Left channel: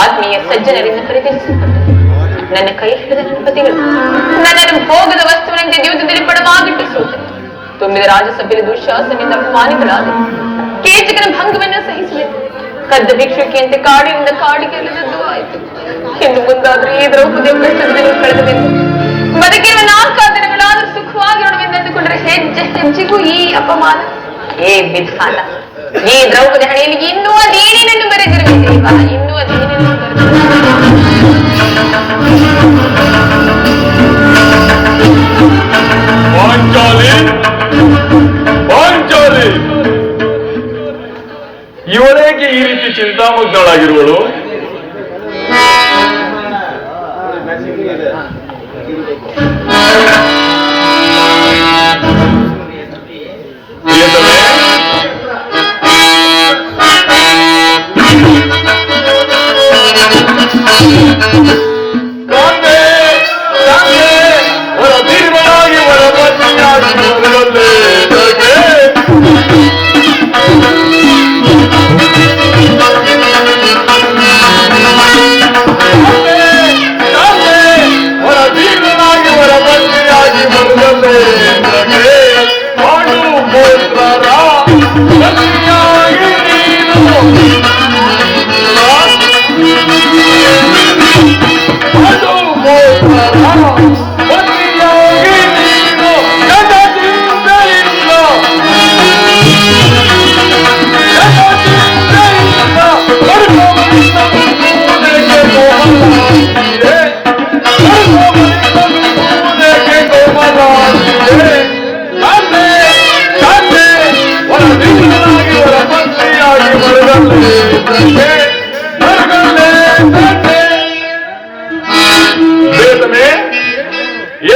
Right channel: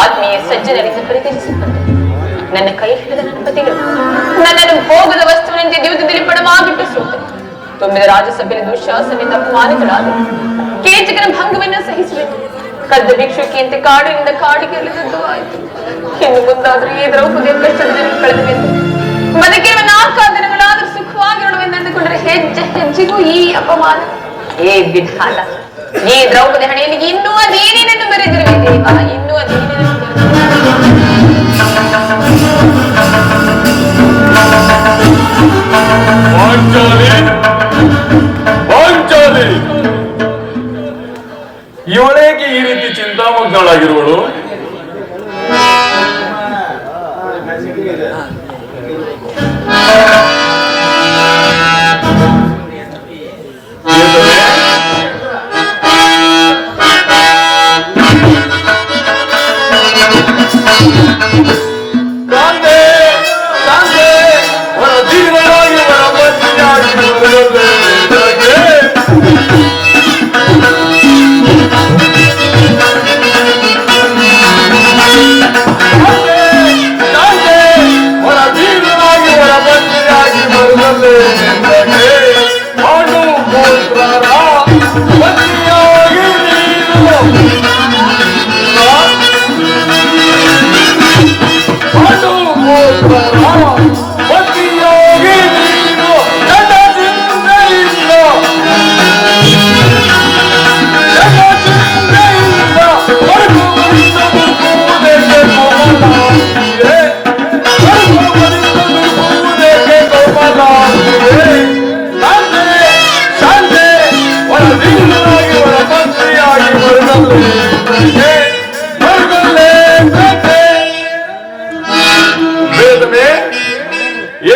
ಆತ್ಮೀಯ ಸಜ್ಜನರಿಂದ ಪರಿತ್ಯಜಿಸಲ್ಪಟ್ಟೆ. ನನ್ನ ಕೈ ಹಿಡಿದ ನನ್ನ ಪತಿಗಳು ನನ್ನನ್ನು ಭೋಗದ ವಸ್ತುವಿನಂತೆ ಜೀವಿತದಲ್ಲಿ ಪಡವಾಗಿಟ್ಟು ಸೋತೆ. ತುಂಬಿದ ರಾಜಸಭೆಯಲ್ಲಿ ದುಶ್ಯಾಸನೆಯಿಂದ ಅಪಮಾನಿತರಾದ ಕೇಚಕನ ಭಂಗವನ್ನು ಸಹಿಸಬೇಕು. ಕದ್ದ ಭಿಕ್ಷುಕಿಯಂತೆ ಕಾಡಿನಿಂದ ಕಾಡಿಗೆ ಇಳಿದದ್ದು ಆಯ್ತು. ಇನ್ನು ಮುಂದಾದ್ರೆ ಈ ದ್ರೌಪದಿಯ ಕಷ್ಟದಲ್ಲಿ ಕಳೆದಬೇಕು. ಬದುಕಿರುವ 4 ದಿನಗಳಾದ್ರೂ ಸುಖವಾಗಿರೋಣವೆಂದುಕೊಂಡ್ರೆ ಹೆಜ್ಜೆ ಹೆಜ್ಜೆಗೂ ಈ ಅಪಮಾನ, ಏ ವಿಧಾನ. ಈ ದ್ರೌಪದಿ ಹಣೆಯಲ್ಲಿ ಇನ್ನೂ ಅದೇನೇನೆಂದು ಬರೆದಿರಬೇಕು. ಇನ್ನೂ ಅದೇನೇನೆಂದು ಇವಳೇಗೆ ಈ ರೀತಿ ಚಿಂತಾಮಗ್ನಳಾಗಿರುವಳು?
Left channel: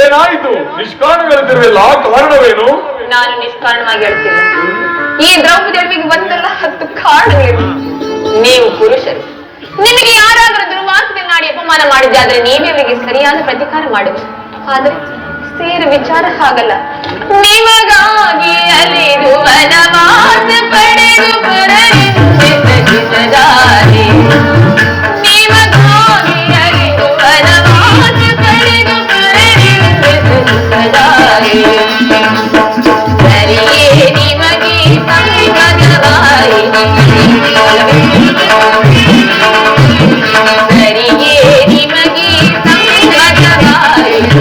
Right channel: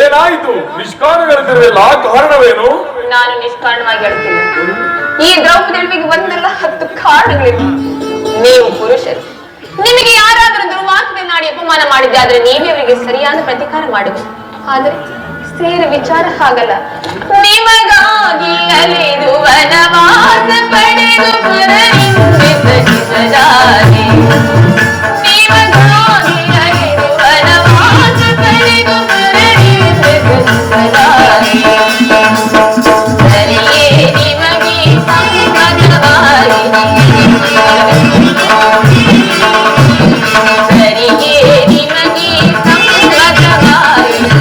ಏನಾಯಿತು? ನಿಷ್ಕಾರಣಗಳಿಸಿರಲಿಲ್ಲ, ಕಾರಣವೇನು? ನಾನು ನಿಷ್ಕಾರಣವಾಗಿ ಹೇಳ್ತಿಲ್ಲ. ಈ ದ್ರೌಪದಿ ಅಳಿವಿಗೆ ಒಂದಲ್ಲ 10 ಕಾರಣಗಳಿವೆ. ನೀವು ಪುರುಷರು, ನಿಮಗೆ ಯಾರಾದರೂ ದುರ್ವಾಸನೆನ್ನಾಡಿ ಅಪಮಾನ ಮಾಡಿದ್ದೆ ಆದ್ರೆ ನೀವೇ ಸರಿಯಾದ ಪ್ರತಿಕಾರ ಮಾಡುವುದು. ಆದ್ರೆ ಸೇರ ವಿಚಾರ ಹಾಗಲ್ಲ. ನಿಮಗಾಗಿ ಅಲೆದು ವನವಾಸ ಪಡೆದು ಪುರರಿಸದಾರೆ. ನಿಮಗಾಗಿ ಅಲೆದು ವನವಾಸ ಪಡೆದು ಪುರರಿಸದಾರೆ. ಸರಿಯೇ ನಿಮಗೆ ಸಂಗತವಾಯಿತು. ಸರಿಯೇ ನಿಮಗೆ ಸಂಗತವಾಯಿತು.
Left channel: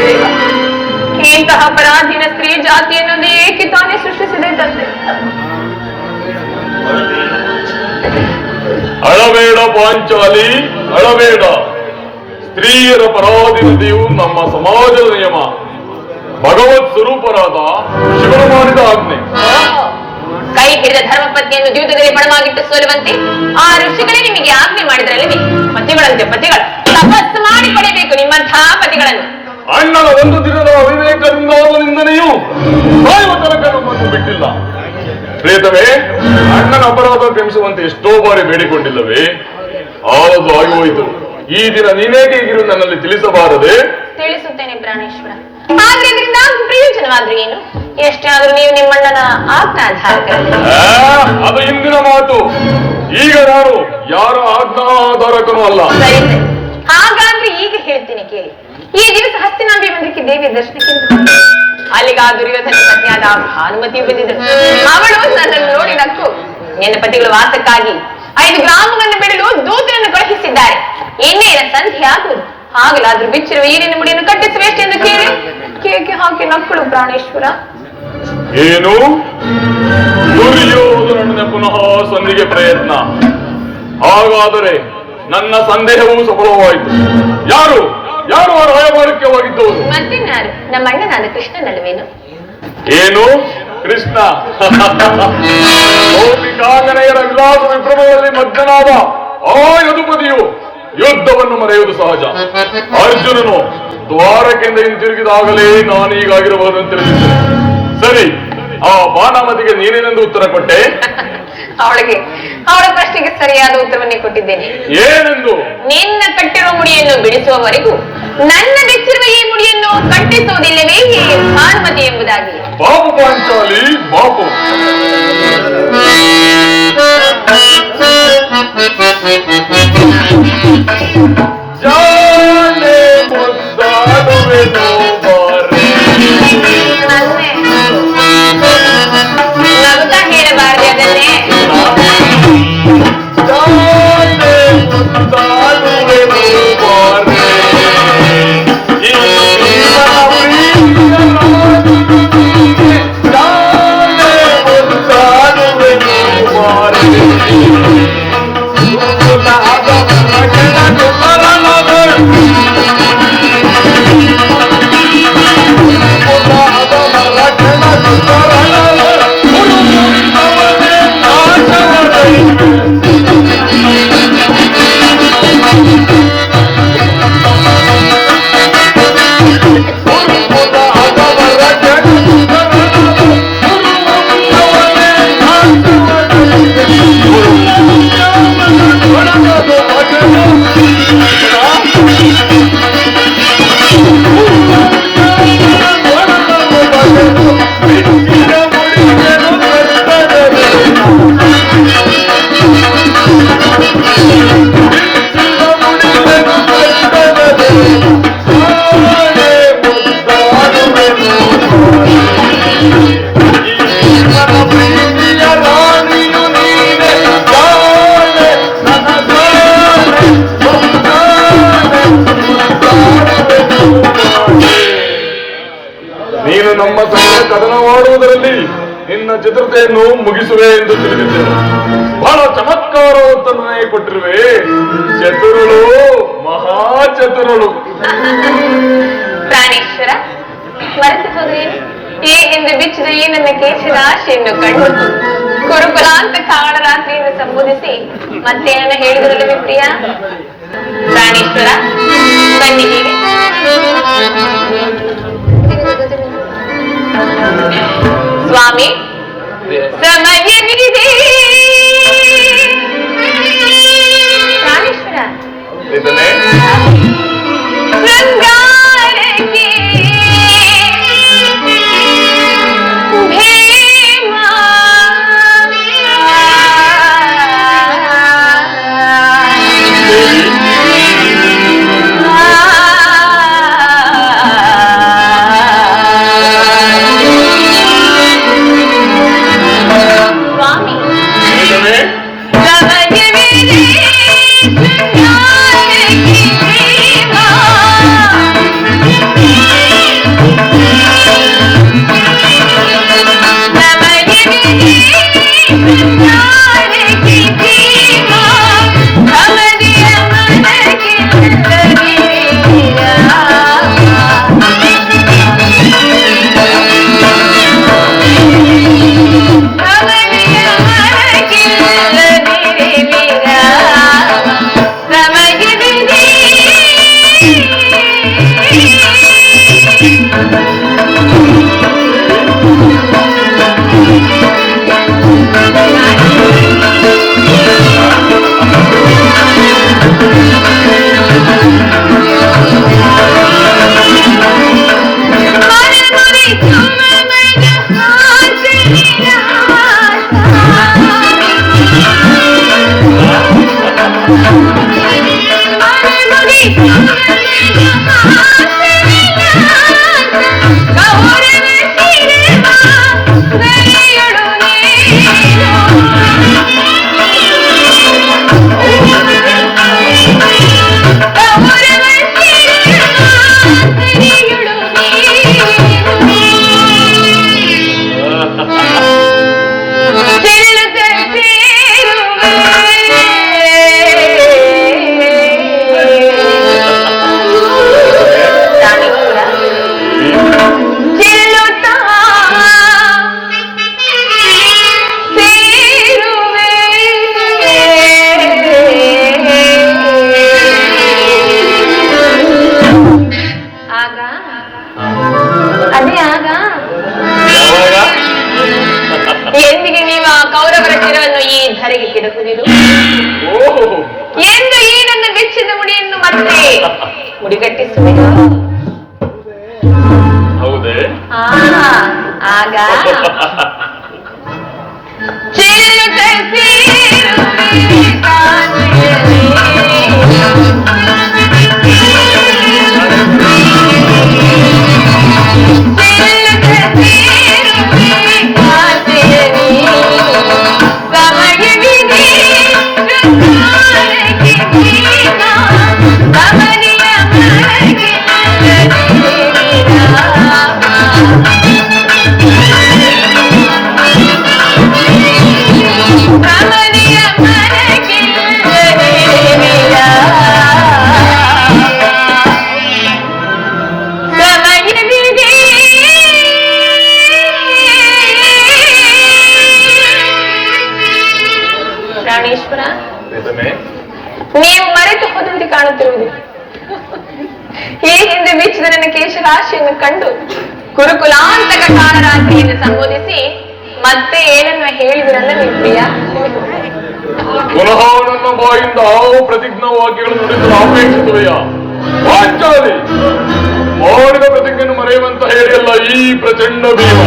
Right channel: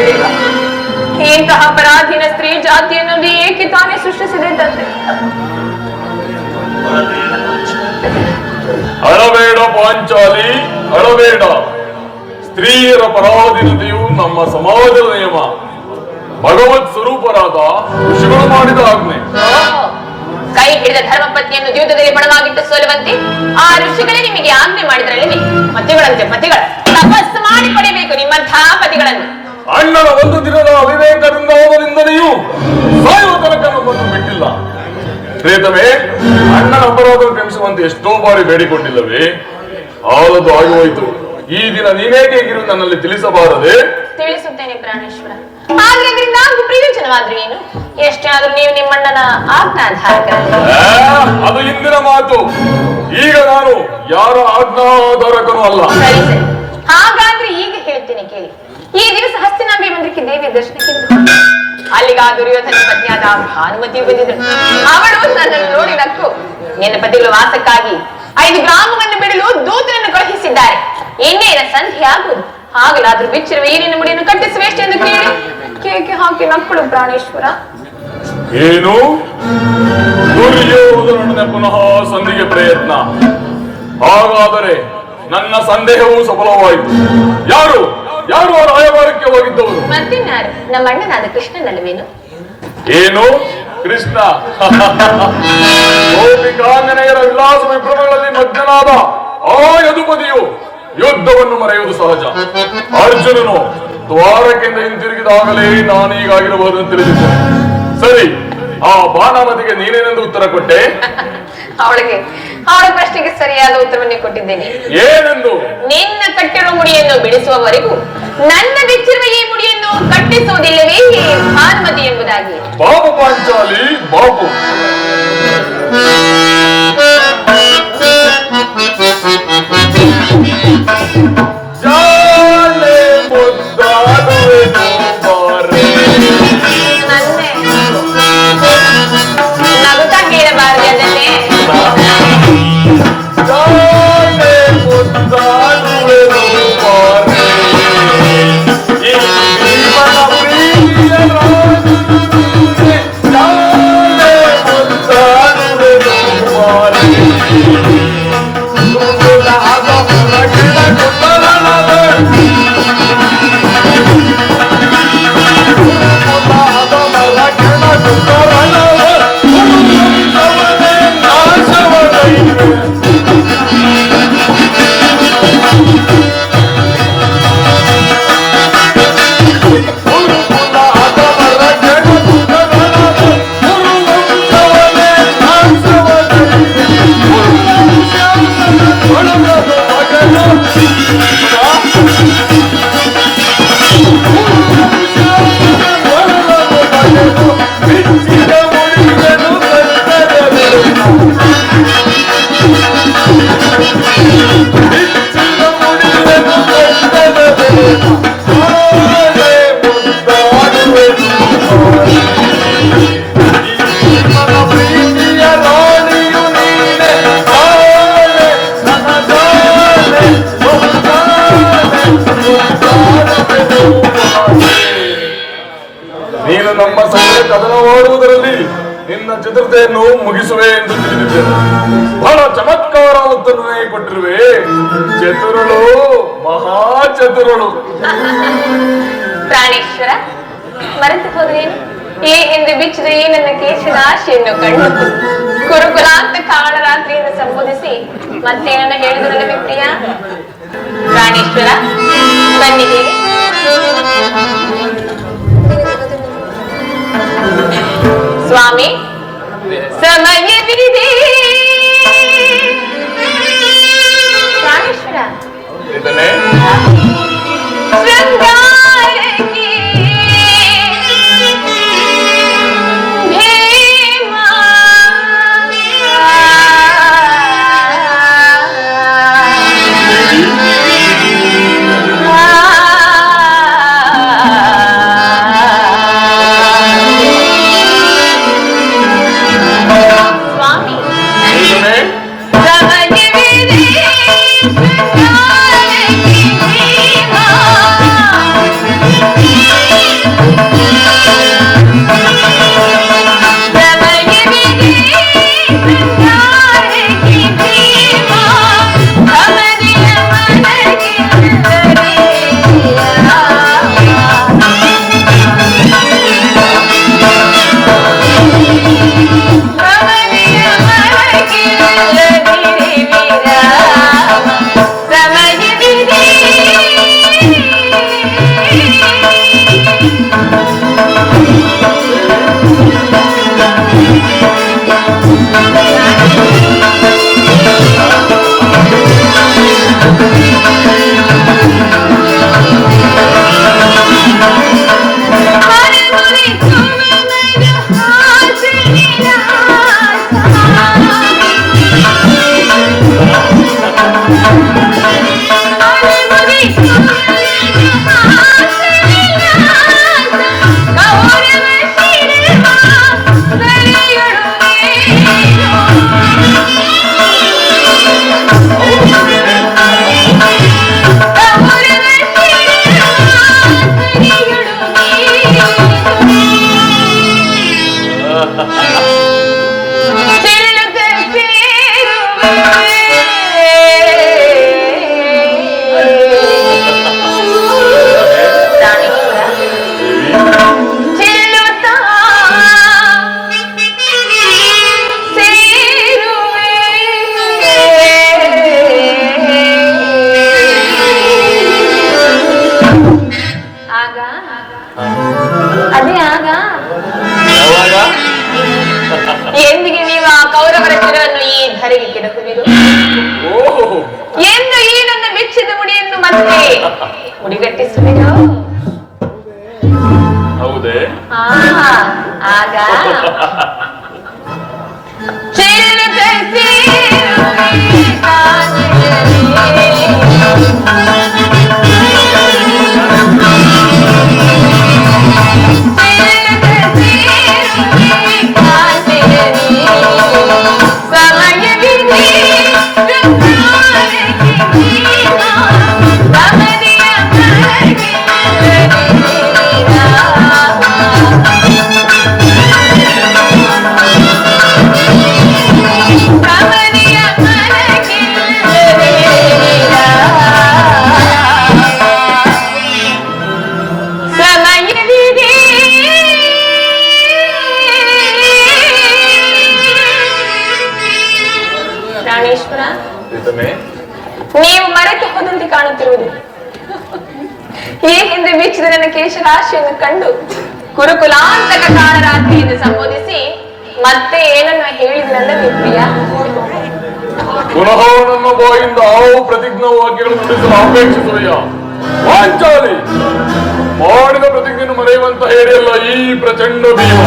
ದೇವ, ಇಂತಹ ಅಪರಾಧಿನ ಸ್ತ್ರೀ ಜಾತಿಯನ್ನು ಏಕೆ ತಾನೇ ಸೃಷ್ಟಿಸಿದೆ ತಂದೆ? ಅಳಬೇಡ ಪಾಂಚಾಲಿ, ಅಳಬೇಡ. ಸ್ತ್ರೀಯರ ಪರಾಧೀನತೆಯು ನಮ್ಮ ಸಮಾಜದ ನಿಯಮ. ಭಗವತ್ ಸ್ವರೂಪರಾದ ಋಷಿಗಳು ಮಾಡಿದ ಆಜ್ಞೆ. ಕೈ ಹಿಡಿದ ಧರ್ಮಪತ್ನಿಯನ್ನು ಜೀವಿತದಲ್ಲಿ ಪಣವಾಗಿಟ್ಟು ಸೋಲುವಂತೆ ಆ ಋಷಿಗಳೇ ನಿಮಗೆ ಆಜ್ಞೆ ಮಾಡಿದ್ರಲ್ಲವೇ? ಪತಿಗಳಂತೆ ಪತಿಗಳು ತಪಸ್ಸು ಮಾಡಿ ಪಡೆಯಬೇಕು ನಿಮ್ಮಂತಹ ಪತಿಗಳನ್ನು. ಅಣ್ಣನ ಒಂದು ದಿನದ ಅವಿವೇಕದಿಂದ ನಿಂದನೆಯು ಸಾಯುವ ತನಕ ನಮ್ಮನ್ನು ಬಿಟ್ಟಿಲ್ಲ. ಪ್ರೇತವೇ, ಅಣ್ಣನ ಅಪರಾಧ ಕ್ಷಮಿಸುವಂತೆ ಎಷ್ಟೋ ಬಾರಿ ಬೇಡಿಕೊಂಡಿಲ್ಲವೇ? ಆದದ್ದು ಆಗಿ ಹೋಯಿತು. ಈ ದಿನ ನೀನೇಕೆ ಹೀಗಿರು ನನ್ನಲ್ಲಿ ತಿಳಿಸಬಾರದೆ? ತಿಳಿಸುತ್ತೇನೆ ಪ್ರಾಣೇಶ್ವರ. ಹಾಗೆ ಇದರಿಂದ ಪ್ರಯೋಜನವಾದ್ರೂ ಏನು? ಎಷ್ಟೇ ಆದ್ರೂ ನೀವು ನಿಮ್ಮಣ್ಣನ ಆಜ್ಞಾಧಾರಕರಲ್ಲ. ಅದು ಹಿಂದಿನ ಮಾತು. ಈಗ ನಾನು ಯಾರ ಆಜ್ಞಾಧಾರಕನೂ ಅಲ್ಲ. ಸರಿ ಸರಿ, ಹಾಗಾದ್ರೆ ಈಗ ಹೇಳ್ತೀನಿ ಕೇಳಿ. ಈ ದಿವಸ ಹಸ್ತಿನಾಂಬಿ ಮಂದಿರಕ್ಕೆ ದೇವಿ ದರ್ಶನಕ್ಕೆ ಅಲ್ಲಿಗ ದುರ್ಯೋಧನ ಪತ್ನಿಯಾದ ಭಾನುಮತಿಯು ಬಂದಿದ್ದಳು. ಅವಳು ನನ್ನನ್ನು ನೋಡಿ ನಕ್ಕು, ನಿನ್ನ ಪತಿಗಳ ವಾಸಕ್ಕಾಗಿ 5 ಗ್ರಾಮವನ್ನು ಬಿಡಲು ದೂತನನ್ನು ಕಳುಹಿಸಿದ್ದಾರೆ. ಇನ್ನೇನ ಸಂಧಿ ಆಗುವುದು. ಆಗಲಾದ್ರೂ ಬಿಚ್ಚಿರುವ ಈರಿನ ಮುಡಿಯನ್ನು ಕಟ್ಟಿಸುವೆಷ್ಟು ಎಂದು ಕೇಳಿ ಕೇಕೆ ಹಾಕಿ ನಕ್ಕಳು ಪ್ರಾಣೇಶ್ವರ. ಏನು? ದುರ್ಯೋಧನ ಪುನಃ ಸಂಧಿಗೆ ಪ್ರಯತ್ನ. ಹಾಗಾದರೆ ನನ್ನ ಸಂದೇಹವೂ ಸಫಲವಾಯಿತು. ಯಾರು ಯಾರು ಆ ರಾಯಭಾರಕ್ಕೆ ಹೋಗಿದ್ದವರು? ಮತ್ತಿನ್ಯಾರು? ನಮ್ಮ ಅಣ್ಣನಾದ ಕೃಷ್ಣನಲ್ಲವೇನು? ಏನು ಕೃಷ್ಣ? ಗೋಪಿಕಾಂಗನೆಯರ ವಿಲಾಸ ವಿಭ್ರಮಗಳಲ್ಲಿ ಮಗ್ನನಾದ ಆ ಯದುಪದಿಯು ಯುದ್ಧವನ್ನು ಮರೆಯುವುದು ಸಹಜ. ಅರ್ಜುನನು ದ್ವಾರಕೆಯಿಂದ ಹಿಂತಿರುಗಿದಾಗಲೇ ನಾನೀಗಾಗಿರಬಹುದನ್ನು ತಿಳಿದಿದ್ದೇನೆ. ಸರಿ, ಆ ಬಾಣಾಮತಿಗೆ ನೀನೇನೆಂದು ಉತ್ತರ ಕೊಟ್ಟೆ? ಅವಳ ಪ್ರಶ್ನೆಗೆ ಸರಿಯಾದ ಉತ್ತರವನ್ನೇ ಕೊಟ್ಟಿದ್ದೇನೆ. ಏನೆಂದು? ನಿನ್ನ ಕಟ್ಟಿರುವ ಮುಡಿಯನ್ನು ಬಿಡಿಸುವವರೆಗೂ ನನ್ನ ಬೆಚ್ಚಿರುವ ಈ ಮುಡಿಯನ್ನು ಕಟ್ಟಿಸುವುದಿಲ್ಲವೇ ಭಾನುಮತಿ ಎಂಬುದಾಗಿ. ಬಾಬು ಪಾಂಚಾಲಿ, ಬಾಬು. ನಗುತ್ತಾ ಹೇಳಬಾರದೆ ಅದನ್ನೇ. ನೀನು ನಮ್ಮ ಸಂಘ ಕದನವಾಡುವುದರಲ್ಲಿ ನಿನ್ನ ಚತುರತೆಯನ್ನು ಮುಗಿಸುವೆ ಎಂದು ತಿಳಿದಿದ್ದೇನೆ. ಬಹಳ ಚಮತ್ಕಾರವತ್ತನ್ನೇ ಕೊಟ್ಟಿರುವೆ. ಚತುರಳು, ಮಹಾ ಚತುರಳು. ಪ್ರಾಣೇಶ್ವರ, ಮರೆತು ಹೋದ್ರೇನು? ಈ ಹಿಂದೆ ಬಿಚ್ಚಿದ ಈ ನನ್ನ ಕೇಶದ ಆಶೆಯನ್ನು ಕಂಡು ಗುರುಕುಲ ಅಂತ ಕಾಳರಾತ್ರಿಯಿಂದ ಸಂಬೋಧಿಸಿ ಮತ್ತೇನನ್ನ ಹೇಳಿದ್ರಲ್ಲವೇ ಪ್ರಿಯ? ಪ್ರಾಣೇಶ್ವರ, ಬನ್ನಿ ಹೀಗೆ. ಸ್ವಾಮಿ, ಸಮಯವಿದೆ. ಪ್ರಾಣೇಶ್ವರ, ಶೃಂಗಾರಕ್ಕೆ ಭೀಮ ಸ್ವಾಮಿ, ಸಮಯವಿದೆ. ಕಂಡು ಕುರುಕುಲಾಂತಕ ಕಾಳರಾತ್ರಿ ಎಂದು ಸಂಬೋಧಿಸಿ ಮತ್ತೆ ಏನನ್ನ ಹೇಳಿದ್ರಲ್ಲ ನೀವು ಪ್ರಿಯ. ಪುನಃ ನನ್ನ ಬಾಯಿಂದ ಹಲವು ಪ್ರತಿಜ್ಞಾ ವಾಕ್ಯಗಳನ್ನು ನುಡಿಸಲು ಅಪೇಕ್ಷಿಸುವೆಯಾ? ವಾಚಾಲಿ ಮಾಡಿದ ಪ್ರತಿಜ್ಞೆಯನ್ನು ಮರೆಯುವಂತ ಹೇಳಿಯಲ್ಲ ಈ ಪ್ರಚಂಡ ಭೀಮ.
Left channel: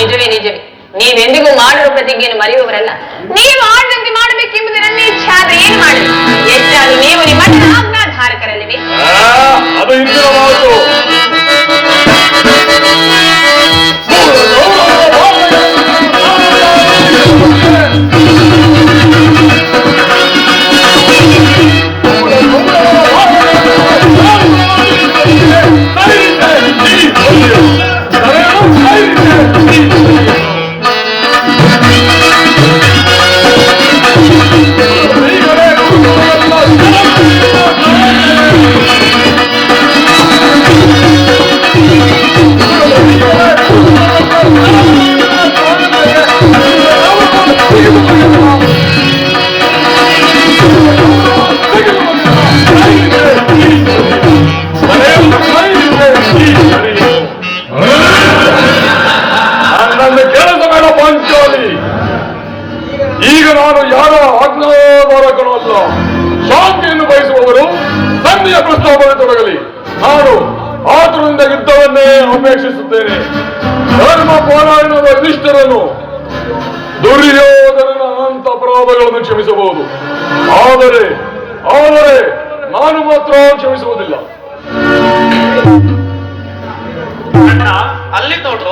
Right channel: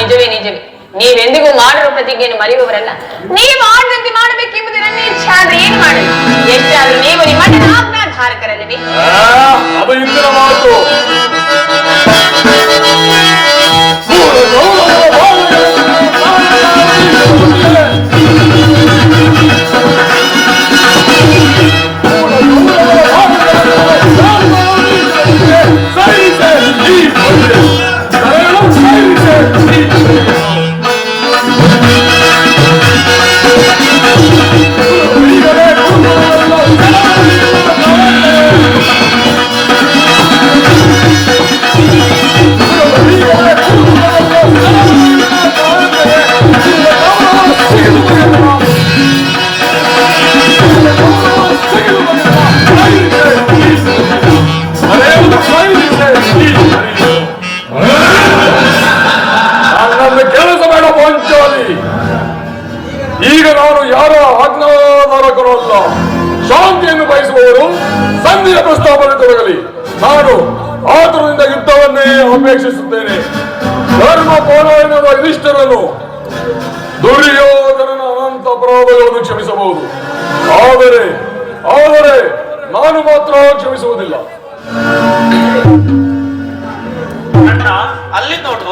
ನಿಜವೇ ನಿಜವೇ, ನೀವೆಂದಿಗೂ ಮಾಡಿರುವ ಪ್ರತಿಜ್ಞೆಯನ್ನು ಮರೆಯುವವರಲ್ಲ. ನೀವು ಆಡದಂತೆ ಮಾಡಬೇಕೆಂಬುದು ನನ್ನ ಇಚ್ಛೆ. ಆದ್ರೆ ಏನ್ ಮಾಡಲು? ಎಷ್ಟಾದ್ರೂ ನೀವು ನಿಮ್ಮ ಆಜ್ಞಾಧಾರಕರಲ್ಲವೇ? ಅದು ಇಂದಿನ ಮಾತು. ಈಗ ನಾನು ಯಾರ ಆಜ್ಞಾಧಾರಕರು ಅಲ್ಲ. ಶಾಂತಿಯನ್ನು ಬಯಸುವವರು ಸಂಧಿಯ ಪ್ರಸ್ತಾಪನೆ ತೊಡಗಲಿ. ನಾನು ಆತುರದಿಂದ ಯುದ್ಧವನ್ನೇ ಅಪೇಕ್ಷಿಸುತ್ತೇನೆ. ಧರ್ಮ ಪೌರಾಣಿಕದ ಯುಧಿಷ್ಠರನ್ನು ದುರ್ಯೋಧನನ ಅನಂತ ಅಪರಾಧಗಳನ್ನು ಕ್ಷಮಿಸಬಹುದು, ಆದರೆ ನಾನು ಮಾತ್ರ ಕ್ಷಮಿಸುವುದಿಲ್ಲ. ಅಲ್ಲಿ ನೋಡು,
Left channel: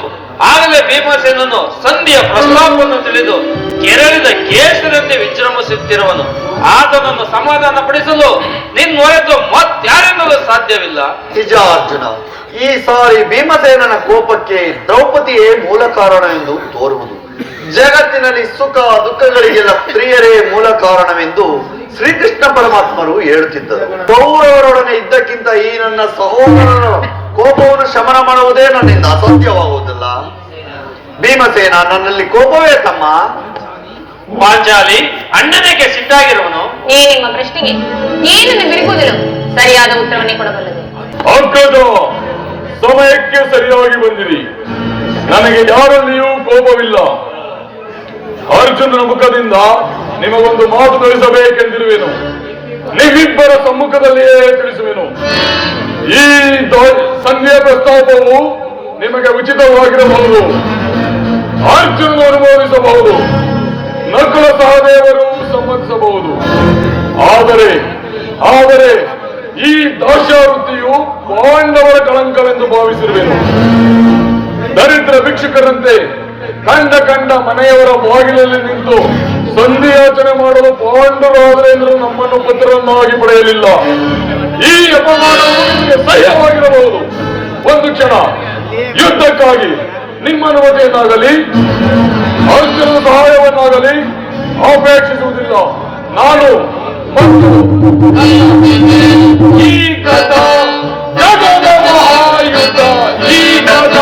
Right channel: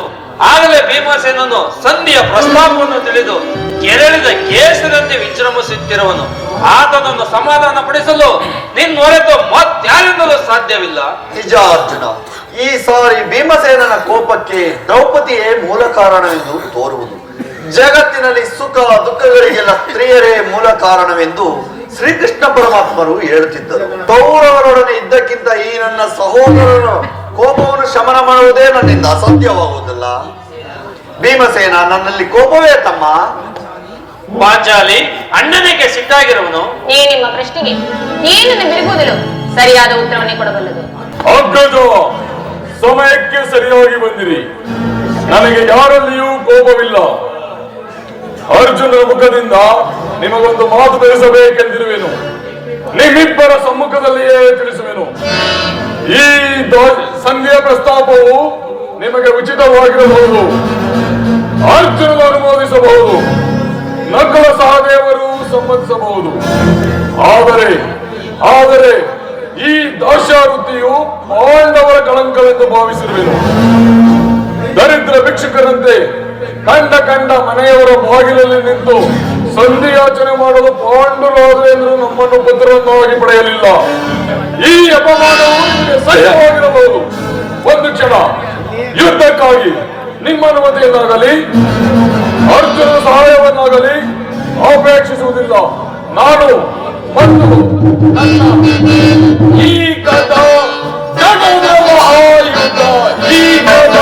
ಆಗಲೇ ಭೀಮಸೇನನು ಸಂಧಿಯ ಪ್ರಸ್ತಾಪವನ್ನು ತಿಳಿದು ಕೆರಳಿದ ಕೇಸರಂತೆ ವಿಜೃಂಭಿಸುತ್ತಿರುವನು. ಆತನನ್ನು ಸಮಾಧಾನ ಪಡಿಸಲು ನಿನ್ನೊರೆತು ಮತ್ಯಾರೆನ್ನಲು ಸಾಧ್ಯವಿಲ್ಲ. ನಿಜ ಅರ್ಜುನ, ಈ ಸಾರಿ ಭೀಮಸೇನನ ಕೋಪಕ್ಕೆ ದ್ರೌಪದಿಯೇ ಮೂಲ ಕಾರಣ ಎಂದು ತೋರುವುದು. ಜಗತ್ತಿನಲ್ಲಿ ಸುಖ ದುಃಖಗಳಿಗೆಲ್ಲ ಸ್ತ್ರೀಯರೇ ಮೂಲ ಕಾರಣವೆಂದು ಶ್ರೀಕೃಷ್ಣ ಪರಮಾತ್ಮರು ಹೇಳುತ್ತಿದ್ದರು. ಕೌರವರೊಡನೆ ಇದ್ದಕ್ಕಿಂತ ಈ ನನ್ನ ಸಹೋದರರ ಕೋಪವನ್ನು ಶಮನ ಮಾಡುವುದೇ ನನ್ನಿಂದ ಅಸಾಧ್ಯವಾಗುವುದಿಲ್ಲ. ಭೀಮಸೇನ, ನನ್ನಲ್ಲಿ ಕೋಪವೇ ತಮ್ಮ. ಪಾಂಚಾಲಿ, ಅಣ್ಣನಿಗೆ ಸಿಟ್ಟಾಗಿರುವನು. ಈ ನಿಮ್ಮ ಪ್ರಶ್ನೆಗೆ ಏನನ್ನು ಬಿರುಗುವುದಿಲ್ಲ, ಸರಿಯಾದ ಉತ್ತರವನ್ನೇ ಕೊಡಬಲ್ಲದು. ಅಗ್ಗಜ, ಸಮಯಕ್ಕೆ ಸರಿಯಾಗಿ ಬಂದಿರಿ. ನನಗೆ ಯಾರಲ್ಲಿಯೂ ಕೋಪವಿಲ್ಲ. ಅರ್ಜುನನ ಮುಖದಿಂದ ನಿಮಗೊಂದು ಮಾತು ತಿಳಿಸಬೇಕೆಂದಿರುವೆನು. ನಿಮ್ಮಿಬ್ಬರ ಸಮ್ಮುಖದಲ್ಲಿಯೇ ತಿಳಿಸುವೆನು. ಈ ಸಂಧಿಯ ಪ್ರಸ್ತಾಪವು ನಿಮಗೆ ಉಚಿತವಾಗಿರಬಹುದು, ಅರ್ಜುನನು ಅನುಮೋದಿಸಬಹುದು, ನಕುಲ ಸಹದೇವರು ಸಮ್ಮತಿಸಬಹುದು. ಆದರೆ ಈ ದಾಸ್ಯವೃತ್ತಿಯು ಪಾಂಡವರ ಕಳಂಕವೆಂದು ಭಾವಿಸಿರುವೆನು. ದರಿದ್ರ ಭಿಕ್ಷುಕರಂತೆ ಕಂಡ ಮನೆಯವರ ಬಾಗಿಲಲ್ಲಿ ನಿಂತು ಸಂಧಿಯಾಚನೆ ಮಾಡಲು ಪಾಂಡುರಾಜರೇಂದ್ರ ನಮ್ಮನ್ನು ಪತ್ರವನ್ನಾಗಿ ಪಡೆಯಲಿಲ್ಲ. ಈ ಅಪಮಾನವು ನಿಮಗೆ ಸಹ್ಯವಾಗಿರಬಹುದು. ಒಂದು ಕ್ಷಣ ಯುದ್ಧಕ್ಕಾಗಿ ನಿಮ್ಮ ಅನುಮತಿಯನ್ನಾಗಲಿ ಅರ್ಜುನ ಸಹಾಯವನ್ನಾಗಲಿ ಅಪೇಕ್ಷಿಸುವುದಿಲ್ಲ. ನಾನು ಈ ಕಥ ಜಗದ ಮಹಾಯುದ್ಧ, ಈ ಕಥ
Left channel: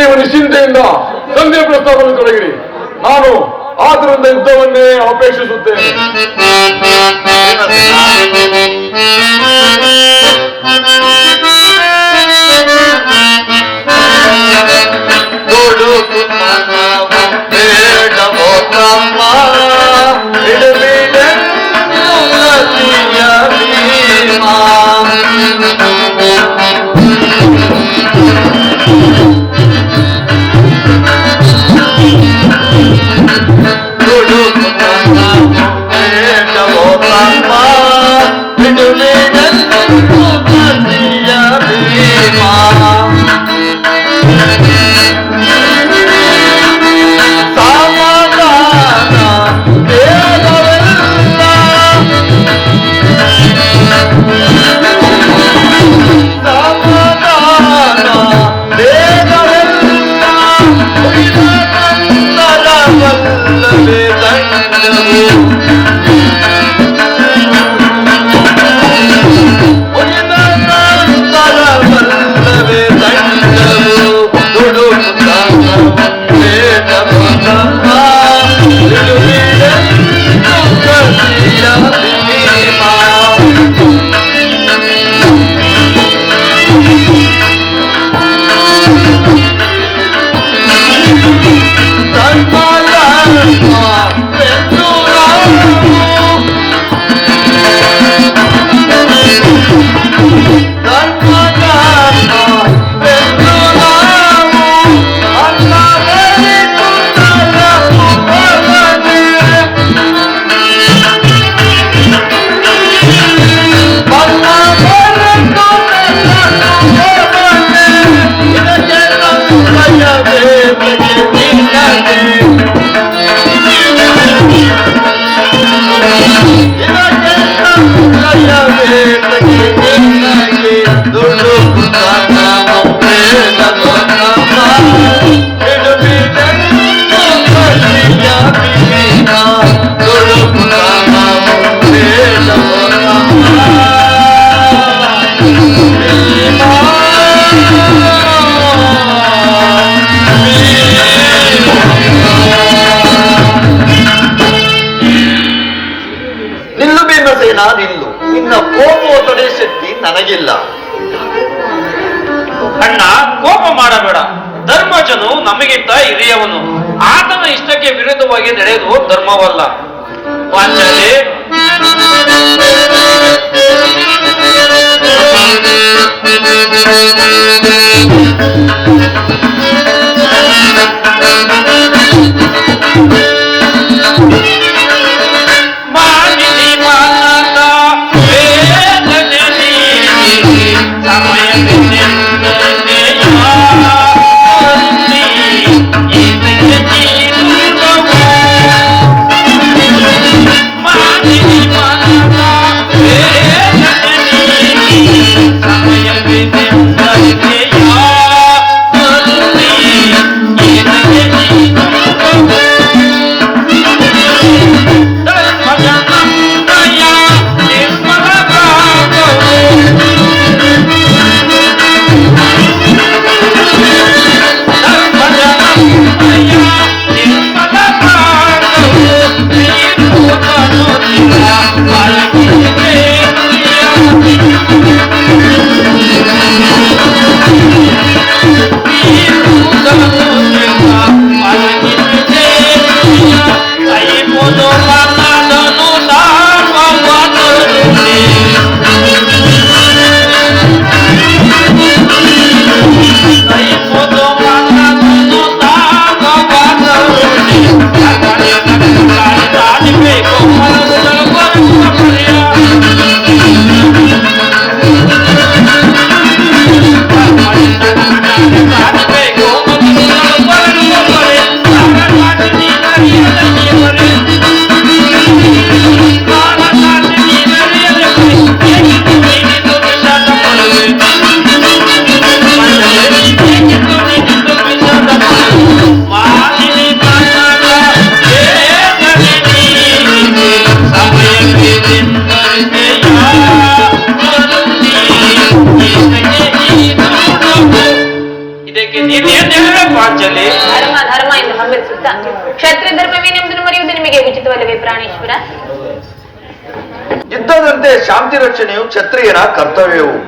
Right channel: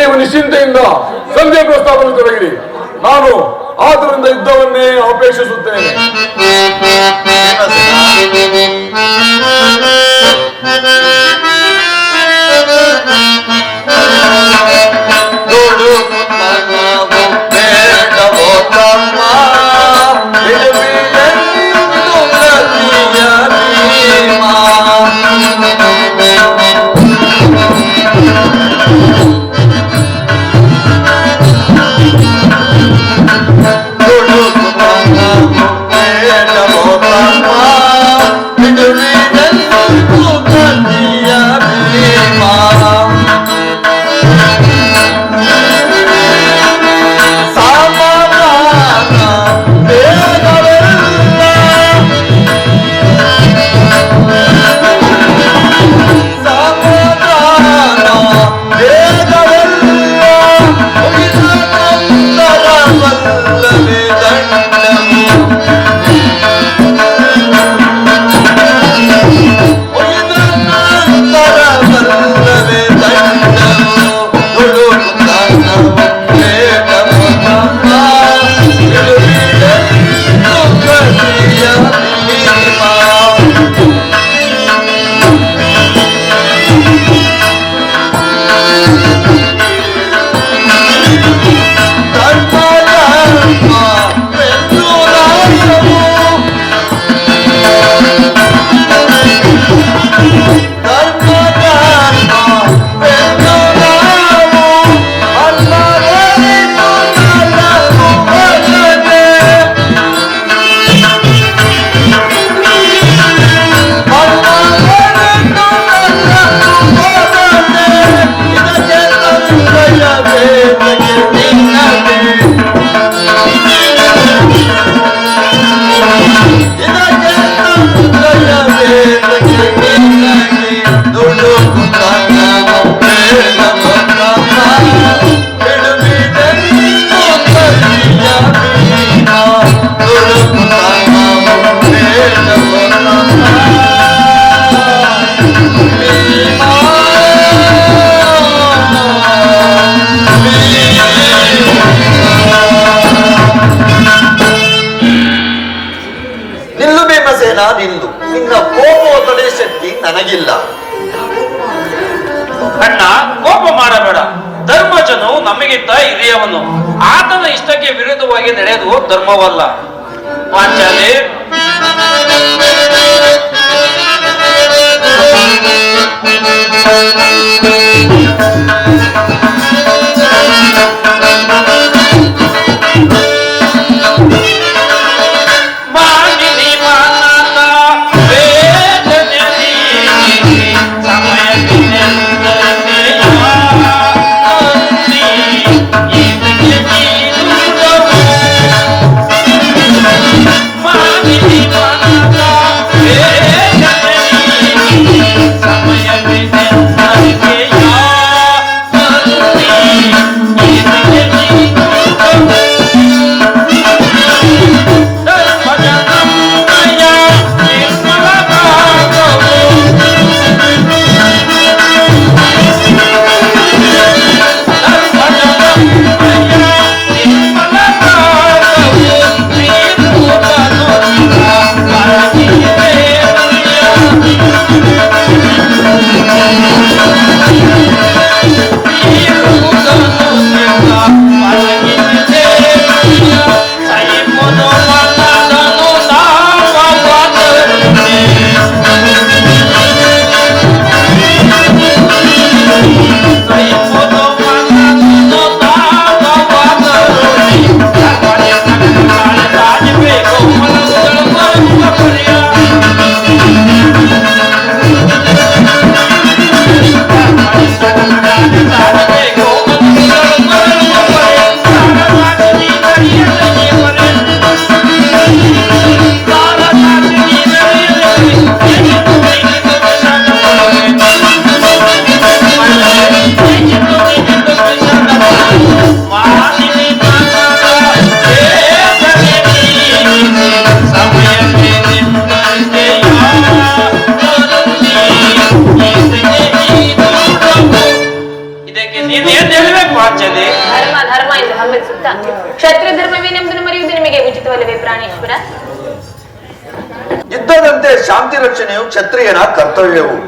ನೀವು ನಿಶ್ಚಿಂತೆಯಿಂದ ಸಂಧಿ ಪ್ರಸ್ತಾಪವನ್ನು ತೊಡಗಿರಿ. ನಾನು ಆತರಿಂದ ಯುದ್ಧವನ್ನೇ ಅಪೇಕ್ಷಿಸುತ್ತೇನೆ. ನಿನ್ನ ಕೋಪವ ತಡೆ ಶಕ್ತಿ ನನಗಿಲ್ಲ. ಅಣ್ಣ, ಕೋಪ ಮಾಡಬೇಡ. ಧರ್ಮಜನು ನಮಗಿಂತ ಹಿರಿಯವನು. ಆತನ ಇಷ್ಟಕ್ಕೆ ವಿರುದ್ಧವಾಗಿ ನಡೆಯುವುದು ಧರ್ಮವಲ್ಲ. ಪಾಂಚಾಲಿ, ಇಲ್ಲವೇ ಪಾಂಚಾಲಿ? ಧರ್ಮ ಧರ್ಮ ಎಂದು ಹಂಬಲಿಸುತ್ತಾ ಕ್ಷತ್ರಿಯ ಧರ್ಮವೇನೆಂಬುದನ್ನು ಮರೆಯುವುದು ನಿಮಗೆ ಉಚಿತವಲ್ಲವೇ ಪ್ರಾಣೇಶ್ವರ? ಯುದ್ಧದಂತೆ ಶಾಂತಿ ರಕ್ಷಣೆಯು ಕ್ಷತ್ರಿಯನ ಕರ್ತವ್ಯವು.